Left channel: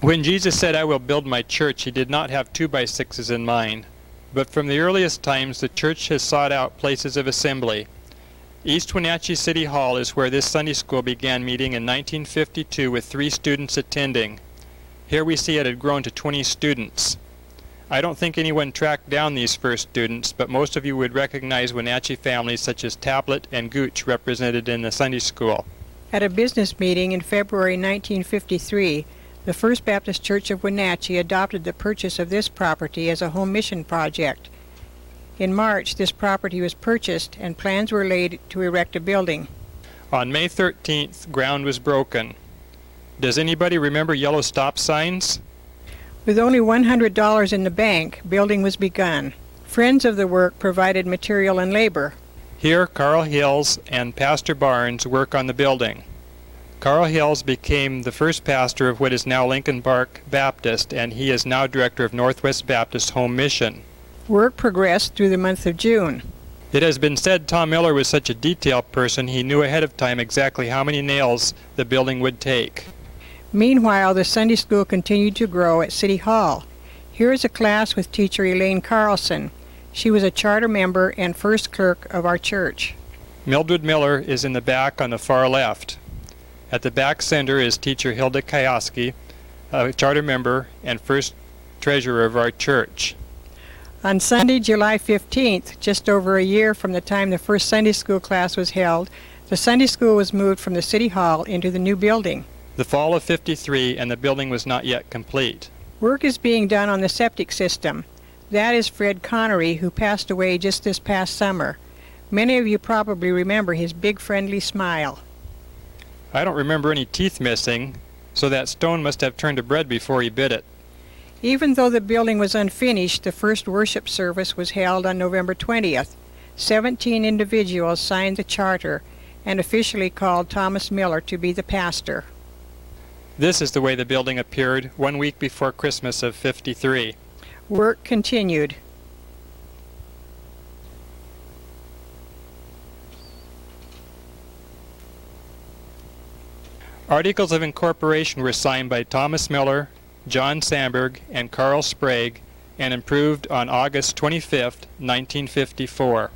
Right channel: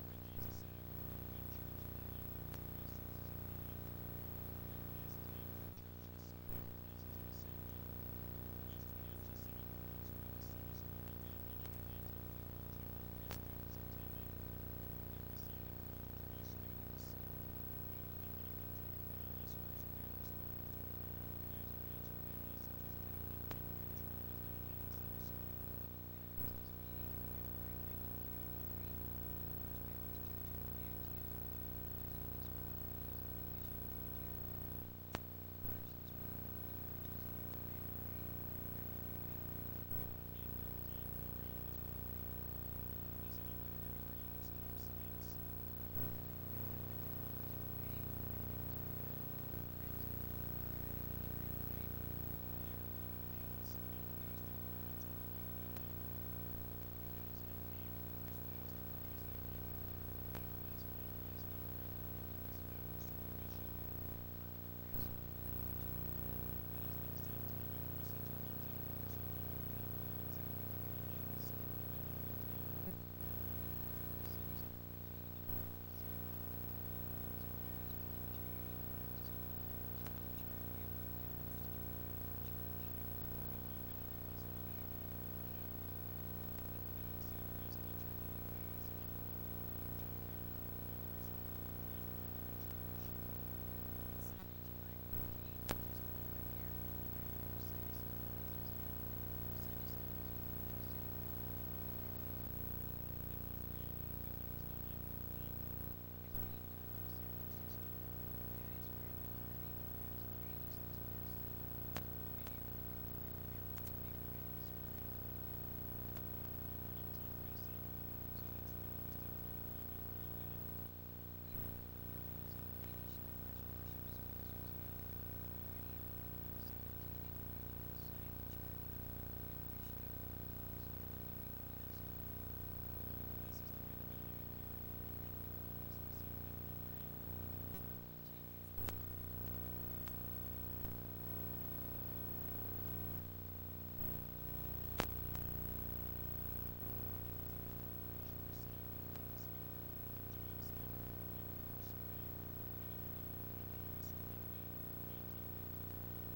When Jesus said, "I will build my church," he did not have 2x6s in mind. But from the earliest times, the church has sought out places of assembly. East Wenatchee City Hall is where this Sunday school began meeting in 1952 with 3 students attending. Here we see it had grown to 20 students. I don't think anyone tracked down these first students, but most of you would recognize Wenatchee families such as Tablet and Gooch represented in the Sunday school. At a business meeting in February 1953, the First Baptist Church of Wenatchee adopted the purchase of this property as a home mission project. In March, this property was purchased and plans were laid to erect a building. On May 13th, ground was broken. Does anybody remember yellow stop signs? With only $100 in the bank, building was begun. Friends of the work provided material and labor. Here, Carl Hills and Pastor Barnes work on the building. Carl Hills became the first pastor of what is now Lincoln Park Baptist, and he is now director of Northwest Baptist Home Mission. Work progressed through the month of June. It has been said Tom Miller was such a detailed person he knew ahead of time exactly how many nails the building would take. Meanwhile, the Sunday school continued to grow at City Hall. Here is a class with teacher Elaine Carlson. She was a charter member and first clerk of our church. Mildred Miller is in the back on the far left. At the back center is teacher Hilda Kioski, a charter member and first treasurer of our church. On Sunday, July 15th, just over a year from the time the first Sunday school class was held, the Sunday school was moved from the City Hall into the new building. The fall of '53, and the building was not yet complete. Work is being done on the septic system. That is Fred Connery, who passed away just this past summer. Many of you probably remember his big friendly smile. I don't remember any teeth missing, so that stone must have turned to bread before he bit it. Even though the building was unfinished, the first worship service was held on November 20th. 17 individuals signed the charter and officially called Thomas Miller to be the pastor. This is the way the building appeared 1 week before Christmas of '53. Work continued. Articles of incorporation were signed by Thomas Miller, John Sandberg, and Carl Sprague, and approved on August 25, 1954.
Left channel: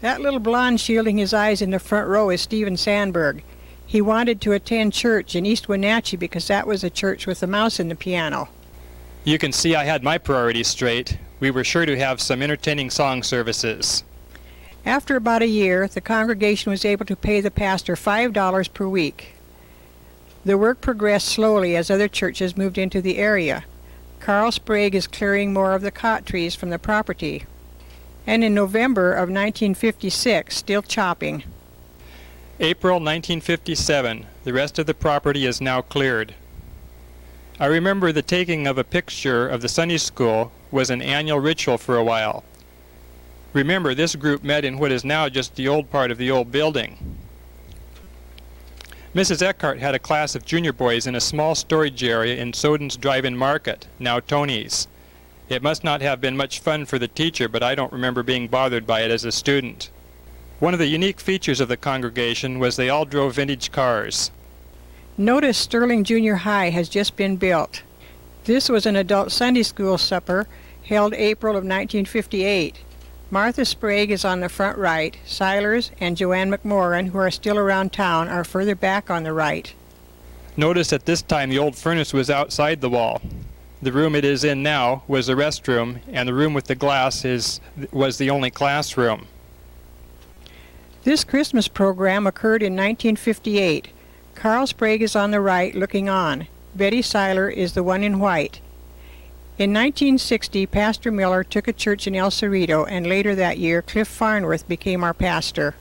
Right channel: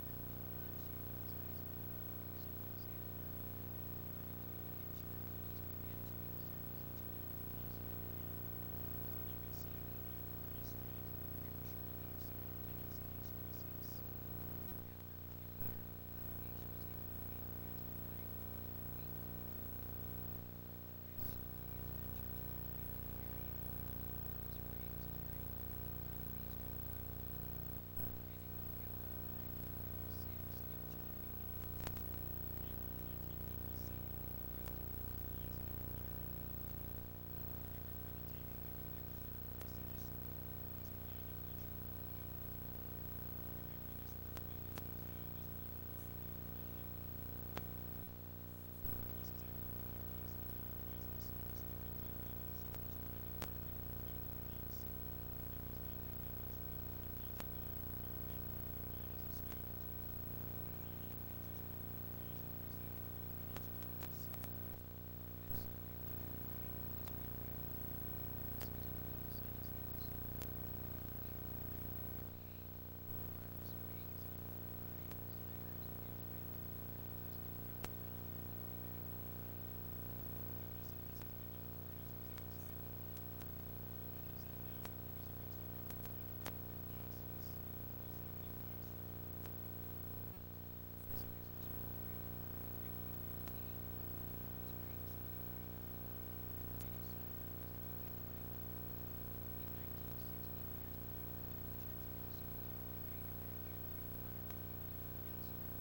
That little blonde shielding his eyes in the front row is Stephen Sandberg. He wanted to attend church in East Wenatchee because that was a church with a mouse in the piano. You can see I had my priorities straight. We were sure to have some entertaining song services. After about a year, the congregation was able to pay the pastor $5 per week. The work progressed slowly as other churches moved into the area. Carl Sprague is clearing more of the cot trees from the property. And in November of 1956, still chopping. April 1957, the rest of the property is now cleared. I remember the taking of a picture of the Sunday school was an annual ritual for a while. Remember, this group met in what is now just the old part of the old building. Mrs. Eckhart had a class of junior boys in a small storage area in Soden's Drive-In Market, now Tony's. It must not have been much fun for the teacher, but I don't remember being bothered by it as a student. One of the unique features of the congregation was they all drove vintage cars. Notice Sterling Junior High has just been built. This was an adult Sunday school supper held April of 1958. Martha Sprague is on the front right. Silers and Joanne McMorran, who are still around town, are further back on the right. Notice at this time the old furnace was outside the wall. The room it is in now was the restroom, and the room with the glass was the only classroom. This Christmas program occurred in 1958. Carl Sprague is on the right looking on. Betty Seiler is the one in white. In 1960, Pastor Miller took a church in El Cerrito, and later that year, Cliff Farnworth became our pastor.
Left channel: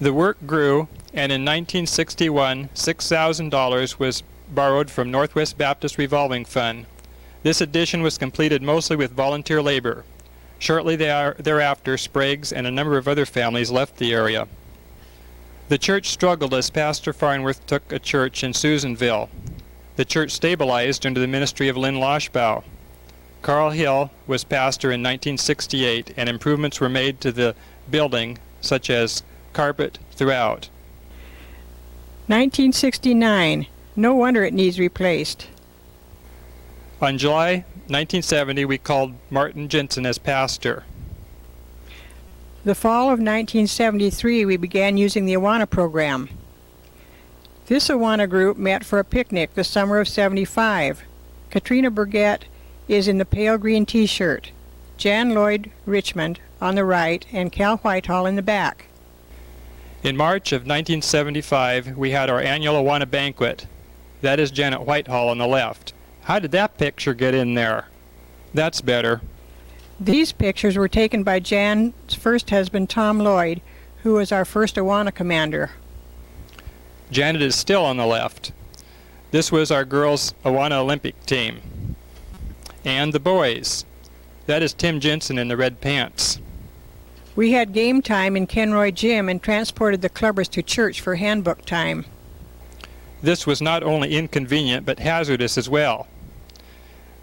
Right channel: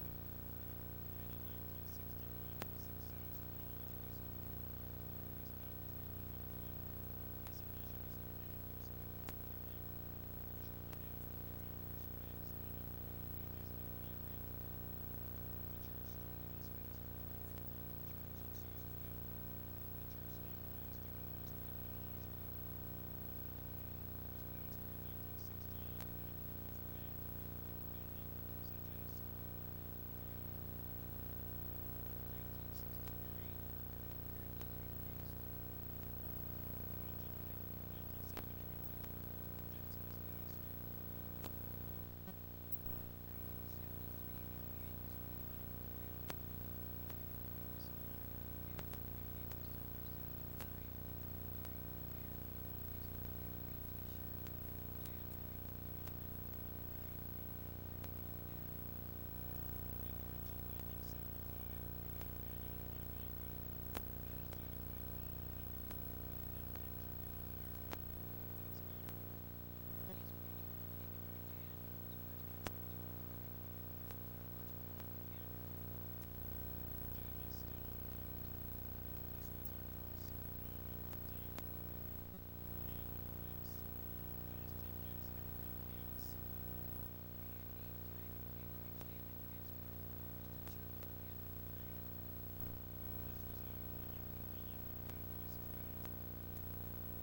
The work grew, and in 1961, $6,000 was borrowed from Northwest Baptist Revolving Fund. This addition was completed mostly with volunteer labor. Shortly thereafter, Sprague's and a number of other families left the area. The church struggled as Pastor Farnworth took a church in Susanville. The church stabilized under the ministry of Lynn Loshbaugh. Carl Hill was pastor in 1968, and improvements were made to the building, such as carpet throughout. 1969. No wonder it needs replaced. On July 1970, we called Martin Jensen as pastor. The fall of 1973, we began using the Awana program. This Awana group met for a picnic the summer of '75. Katrina Burgett is in the pale green t-shirt, Jan Lloyd Richmond on the right, and Cal Whitehall in the back. In March of 1975, we had our annual Awana banquet. That is Janet Whitehall on the left. How did that picture get in there? That's better. These pictures were taken by Jan's first husband, Tom Lloyd, who was our first Awana commander. Janet is still on the left. This was our girls' Awana Olympic team. And the boys. That is Tim Jensen in the red pants. We had game time in Kenroy Gym and transported the clubbers to church for handbook time. This was not only inconvenient but hazardous as well.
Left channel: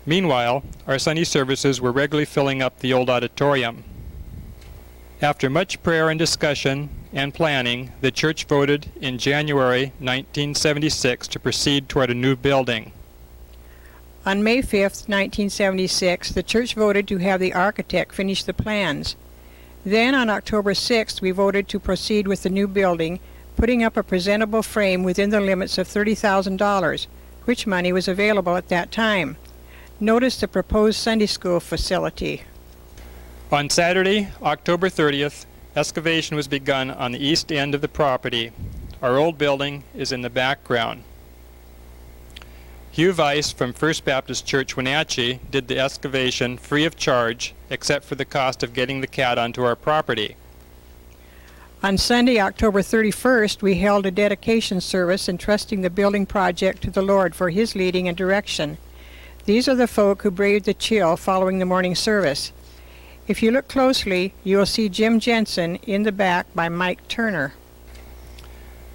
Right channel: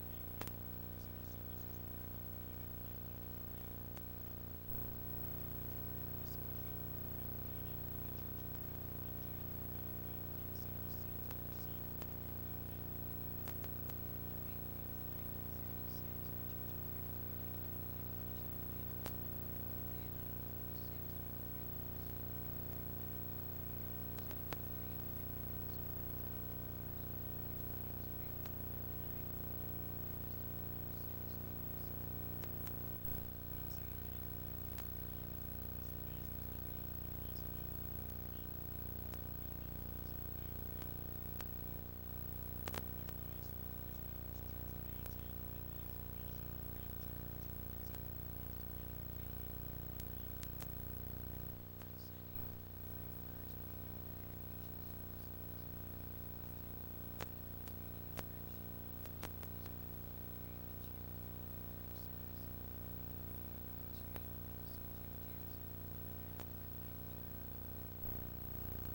Meanwhile, our Sunday services were regularly filling up the old auditorium. After much prayer and discussion and planning, the church voted in January 1976 to proceed toward a new building. On May 5th, 1976, the church voted to have the architect finish the plans. Then on October 6th, we voted to proceed with the new building, putting up a presentable frame within the limits of $30,000, which money was available at that time. Notice the proposed Sunday school facility. On Saturday, October 30th, excavation was begun on the east end of the property. Our old building is in the background. Hugh Weiss from First Baptist Church, Wenatchee, did the excavation free of charge, except for the cost of getting the cat onto our property. On Sunday, October 31st, we held a dedication service entrusting the building project to the Lord for His leading and direction. These are the folk who braved the chill following the morning service. If you look closely, you will see Jim Jensen in the back by Mike Turner.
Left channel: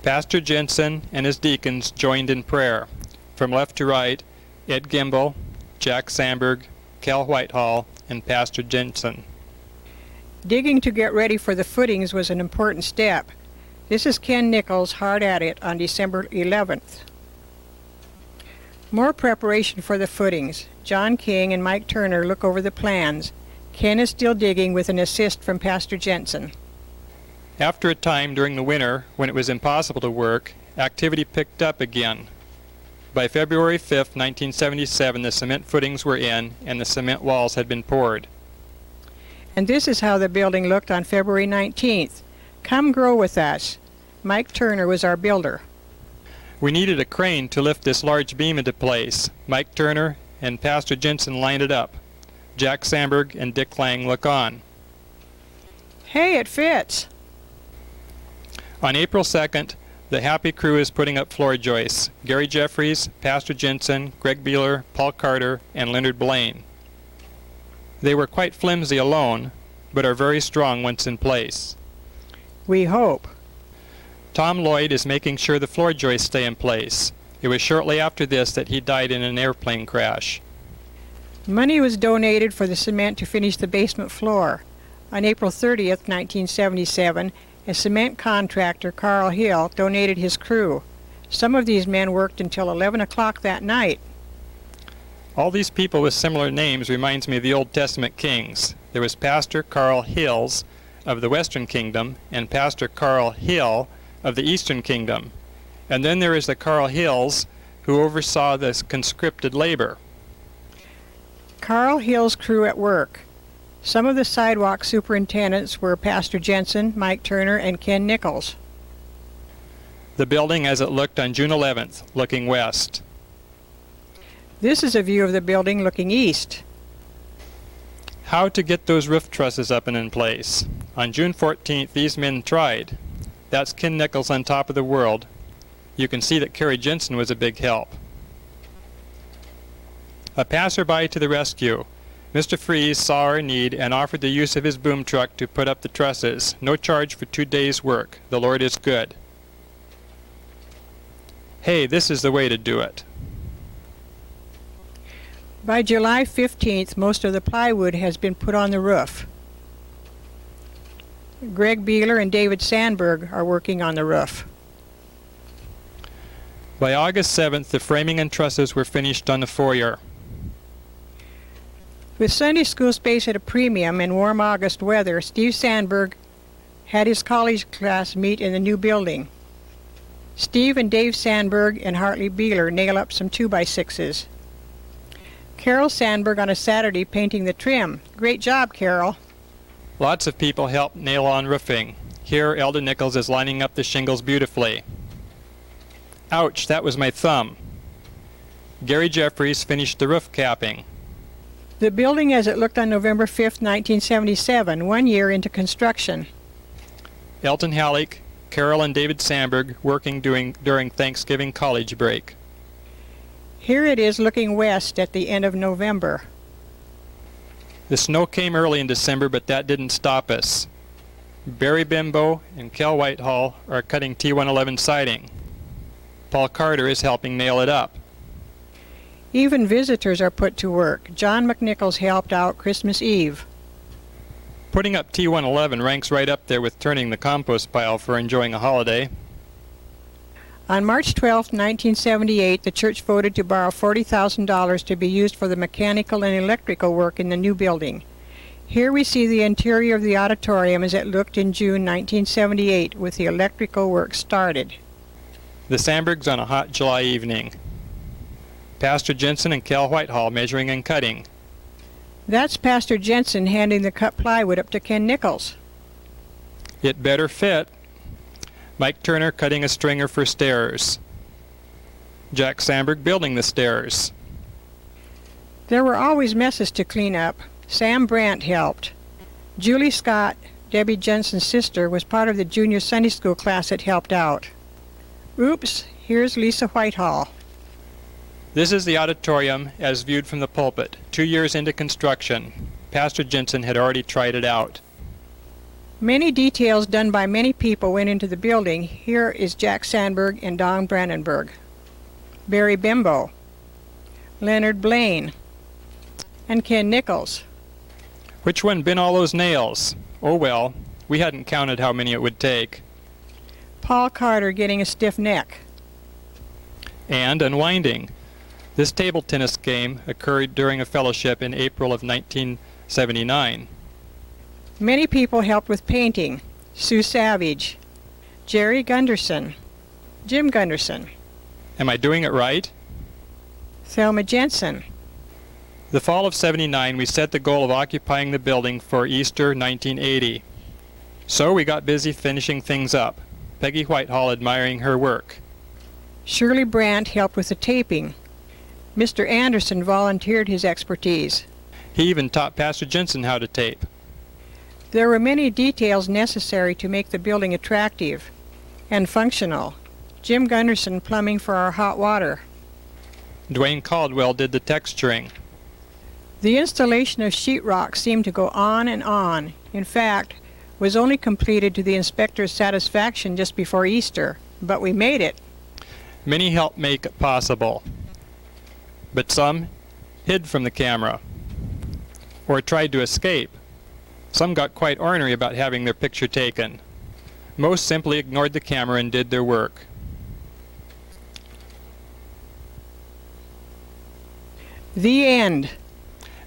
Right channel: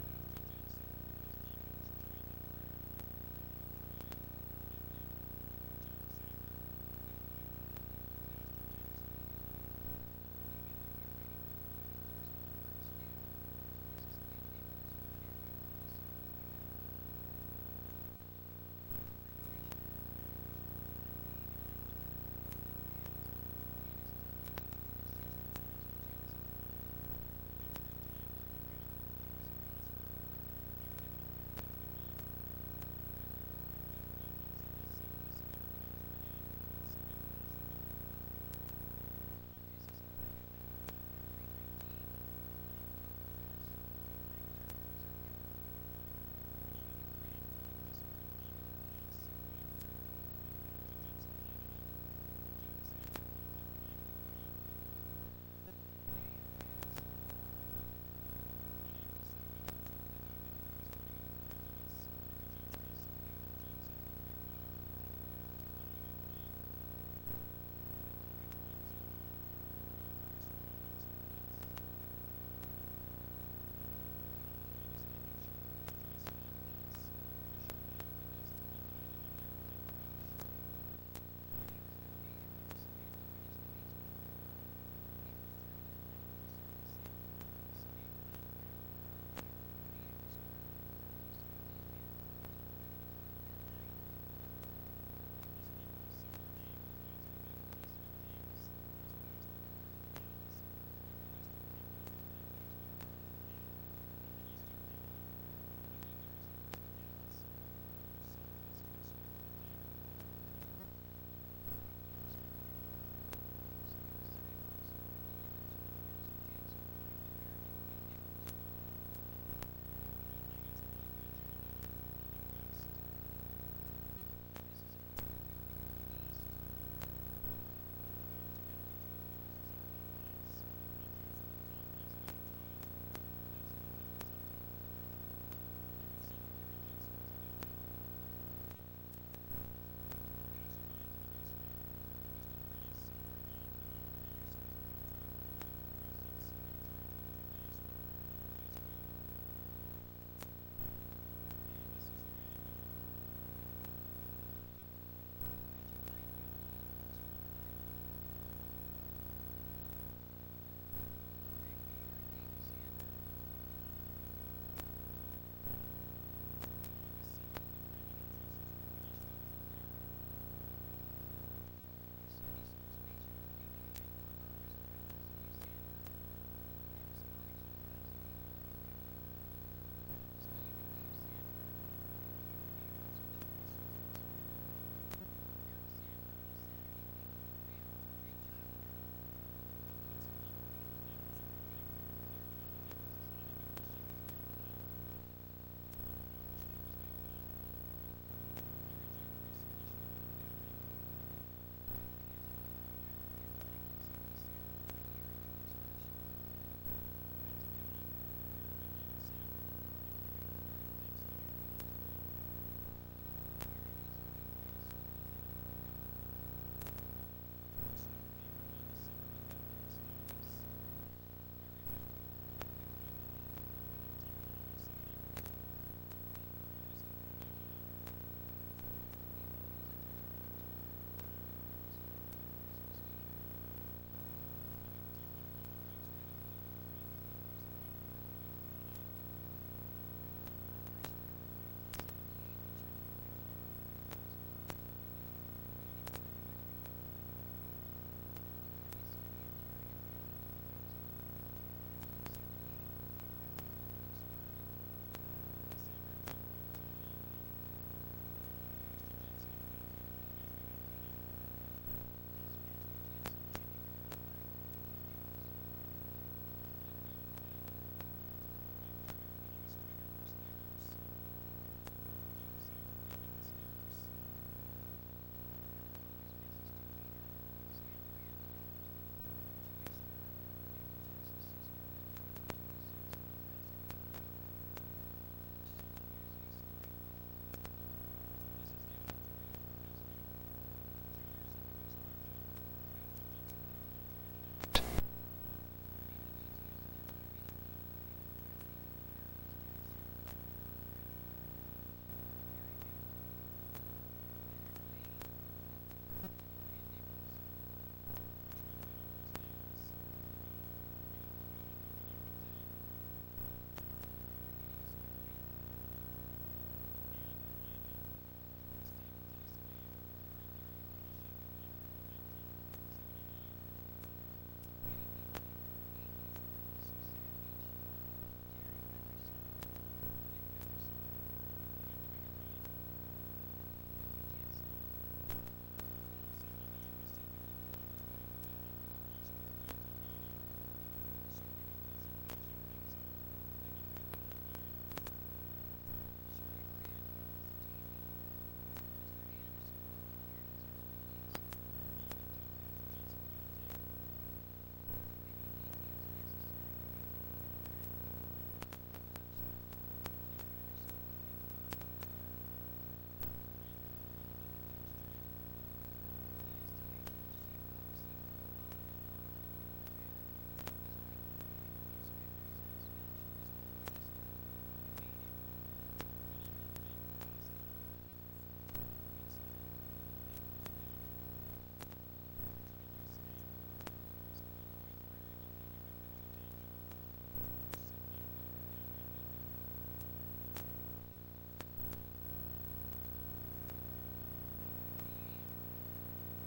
Pastor Jensen and his deacons joined in prayer. From left to right, Ed Gimbel, Jack Sandberg, Cal Whitehall, and Pastor Jensen. Digging to get ready for the footings was an important step. This is Ken Nichols hard at it on December 11th. More preparation for the footings. John King and Mike Turner look over the plans. Ken is still digging with an assist from Pastor Jensen. After a time during the winter, when it was impossible to work, activity picked up again. By February 5th, 1977, the cement footings were in and the cement walls had been poured. And this is how the building looked on February 19th. Come grow with us. Mike Turner was our builder. We needed a crane to lift this large beam into place. Mike Turner and Pastor Jensen lined it up. Jack Sandberg and Dick Lang look on. Hey, it fits. On April 2nd, the Happy Crew is putting up floor joists. Gary Jeffries, Pastor Jensen, Greg Beeler, Paul Carter, and Leonard Blaine. They were quite flimsy alone, but are very strong once in place. We hope. Tom Lloyd is making sure the floor joists stay in place. It was shortly after this that he died in an airplane crash. Money was donated for the cement to finish the basement floor. On April 30th, 1977, a cement contractor, Carl Hill, donated his crew. Some of these men worked until 11 o'clock that night. All these people with similar names reminds me of the Old Testament kings. There was Pastor Carl Hills of the Western Kingdom and Pastor Carl Hill of the Eastern Kingdom. And then there is the Carl Hills who oversaw this conscripted labor. Carl Hill's crew at work. Some of the sidewalk superintendents were Pastor Jensen, Mike Turner, and Ken Nichols. The building as it looked on June 11th, looking west. This is a view of the building looking east. How to get those roof trusses up and in place. On June 14th, these men tried. That's Ken Nichols on top of the world. You can see that Kerry Jensen was a big help. A passerby to the rescue. Mr. Fries saw our need and offered the use of his boom truck to put up the trusses. No charge for 2 days' work. The Lord is good. Hey, this is the way to do it. By July 15th, most of the plywood has been put on the roof. Greg Beeler and David Sandberg are working on the roof. By August 7th, the framing and trusses were finished on the foyer. With Sunday school space at a premium and warm August weather, Steve Sandberg had his college class meet in the new building. Steve and Dave Sandberg and Hartley Beeler nail up some 2x6s. Carol Sandberg on a Saturday painting the trim. Great job, Carol. Lots of people helped nail on roofing. Here, Elda Nichols is lining up the shingles beautifully. Ouch, that was my thumb. Gary Jeffries finished the roof capping. The building as it looked on November 5, 1977, 1 year into construction. Elton Halleck, Carol and David Sandberg working during Thanksgiving college break. Here it is looking west at the end of November. The snow came early in December, but that didn't stop us. Barry Bimbo and Kel Whitehall are cutting T111 siding. Paul Carter is helping nail it up. Even visitors are put to work. John McNichols helped out Christmas Eve. Putting up T111 ranks right up there with turning the compost pile for enjoying a holiday. On March 12, 1978, the church voted to borrow $40,000 to be used for the mechanical and electrical work in the new building. Here we see the interior of the auditorium as it looked in June 1978 with the electrical work started. The Sandbergs on a hot July evening. Pastor Jensen and Kel Whitehall measuring and cutting. That's Pastor Jensen handing the cut plywood up to Ken Nichols. It better fit. Mike Turner cutting a stringer for stairs. Jack Sandberg building the stairs. There were always messes to clean up. Sam Brandt helped. Julie Scott, Debbie Jensen's sister, was part of the junior Sunday school class that helped out. Oops, here's Lisa Whitehall. This is the auditorium as viewed from the pulpit, 2 years into construction. Pastor Jensen had already tried it out. Many details done by many people went into the building. Here is Jack Sandberg and Don Brandenburg. Barry Bimbo, Leonard Blaine, and Ken Nichols. Which one been all those nails? Oh well, we hadn't counted how many it would take. Paul Carter getting a stiff neck. And unwinding. This table tennis game occurred during a fellowship in April of 1979. Many people helped with painting. Sue Savage, Jerry Gunderson, Jim Gunderson, Am I doing it right? Thelma Jensen. The fall of '79 we set the goal of occupying the building for Easter 1980. So we got busy finishing things up. Peggy Whitehall admiring her work. Shirley Brandt helped with the taping. Mr. Anderson volunteered his expertise. He even taught Pastor Jensen how to tape. There were many details necessary to make the building attractive and functional. Jim Gunderson plumbing for our hot water. Dwayne Caldwell did the texturing. The installation of sheetrock seemed to go on and on. In fact, was only completed to the inspector's satisfaction just before Easter, but we made it. Many helped make it possible, but some hid from the camera or tried to escape. Some got quite ornery about having their picture taken. Most simply ignored the camera and did their work. The end.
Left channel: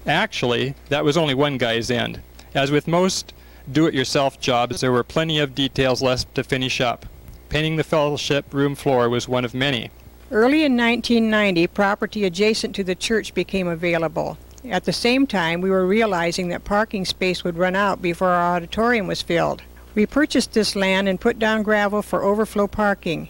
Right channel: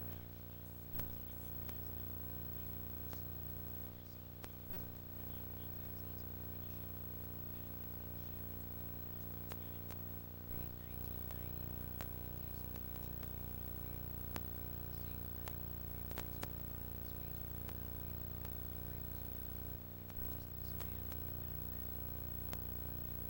Actually, that was only one guy's end. As with most do-it-yourself jobs, there were plenty of details left to finish up. Painting the fellowship room floor was one of many. Early in 1990, property adjacent to the church became available. At the same time, we were realizing that parking space would run out before our auditorium was filled. We purchased this land and put down gravel for overflow parking.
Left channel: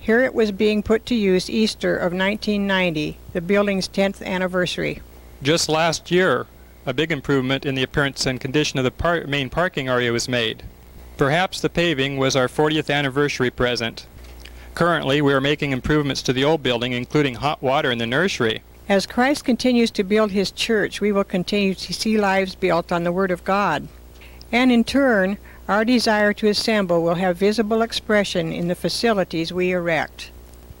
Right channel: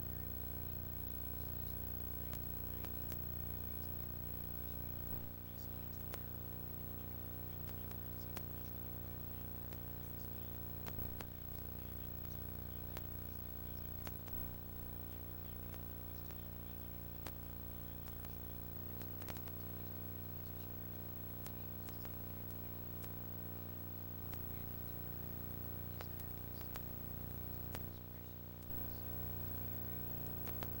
Here it was being put to use Easter of 1990, the building's 10th anniversary. Just last year, a big improvement in the appearance and condition of the main parking area was made. Perhaps the paving was our 40th anniversary present. Currently, we are making improvements to the old building, including hot water in the nursery. As Christ continues to build his church, we will continue to see lives built on the Word of God. And in turn, our desire to assemble will have visible expression in the facilities we erect.